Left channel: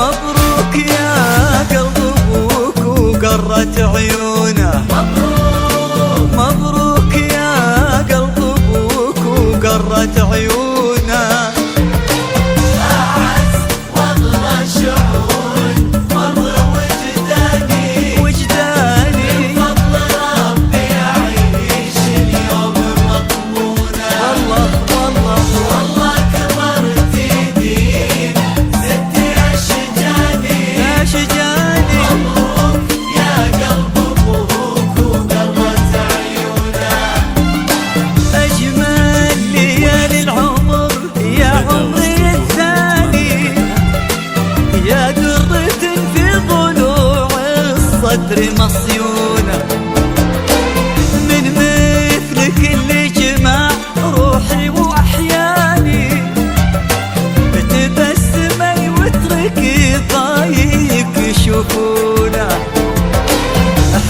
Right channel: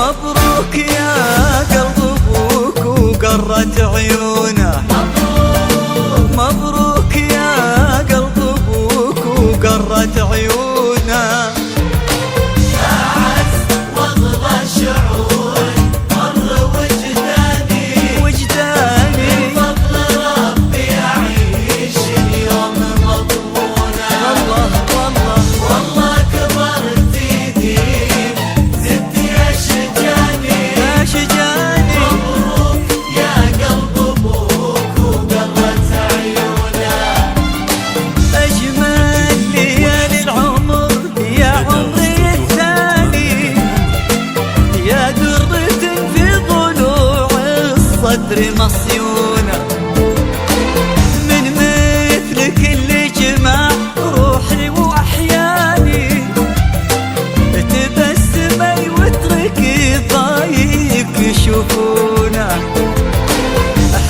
مبروك يا قلب ابوك وقرت عيونه، مبروك يا قلب ابوك وقرت عيونه. شجاني يا قلب ابوك وقرت عيونه. اجمل ليالي العمر يا عمري الثاني، يا درة في ضلوع الصدر مصيونه، من مثلك اللي جمع روحي واحياني، تبسمي واتركي ضايق يشوفونا.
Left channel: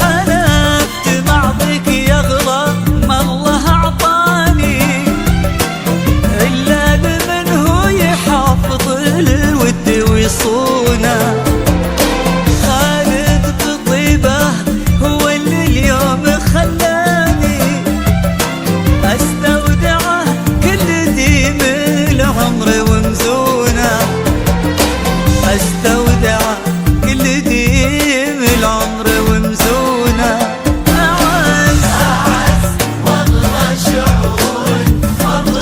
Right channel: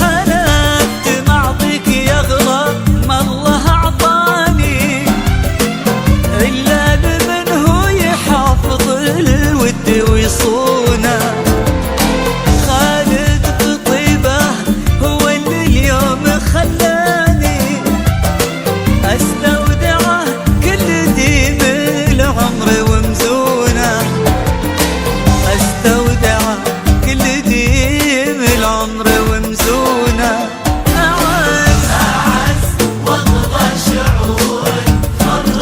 حلفت معضك يغلى ما الله اعطاني، الا لمن هو يحافظ الود ويصونه. خالد بطيبه هو اللي اليوم خلاني استودعه كل ديم العمر ومزونه، استودع كل ديم العمر ومزونه. أعز والله شعور فضل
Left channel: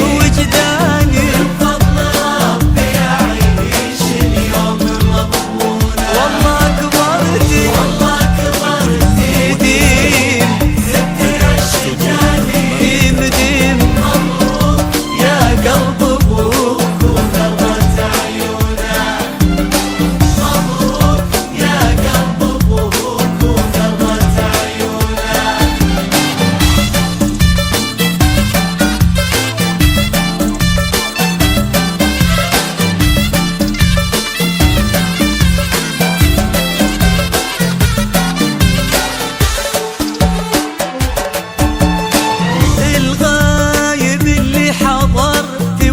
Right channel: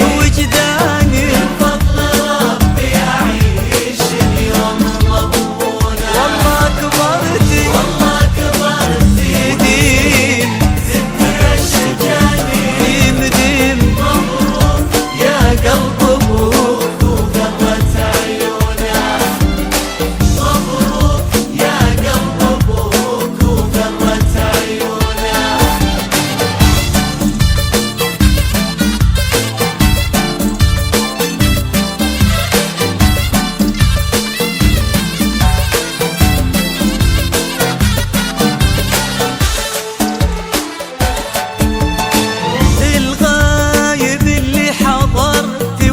وجداني، فضل ربي يعيش اليوم مضمونه. والله كبرتي ديم ديم ديم يا قلب ابوك.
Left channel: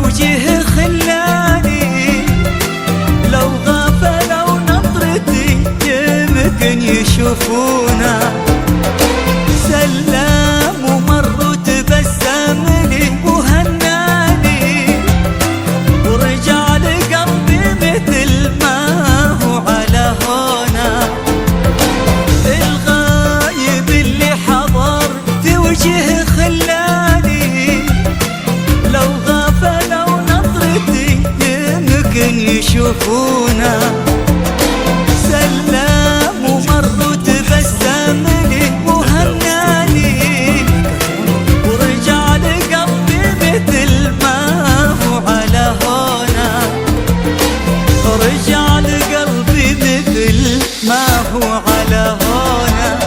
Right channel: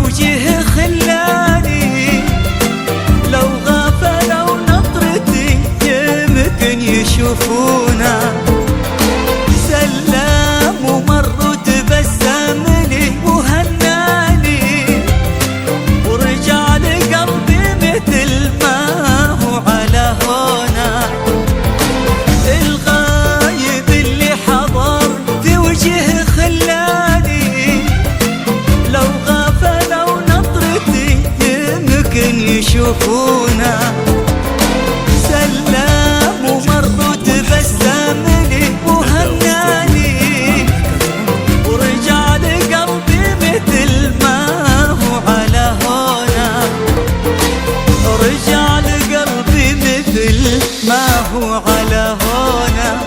وجهه خلاني لو غفلوا نظرتي يمكن يشوفونا. سلم ومر وتبسم لي وهناني، ورجع لقلبي مثل ما هو على هونا. الغايب اللي حضر في وجهه خلاني، لو غفلوا نظرتي يمكن يشوفونا. سلم ومر وتبسم لي وهناني، ورجع لقلبي مثل ما هو على هونا. رجع لقلبي مثل ما هو على هونا.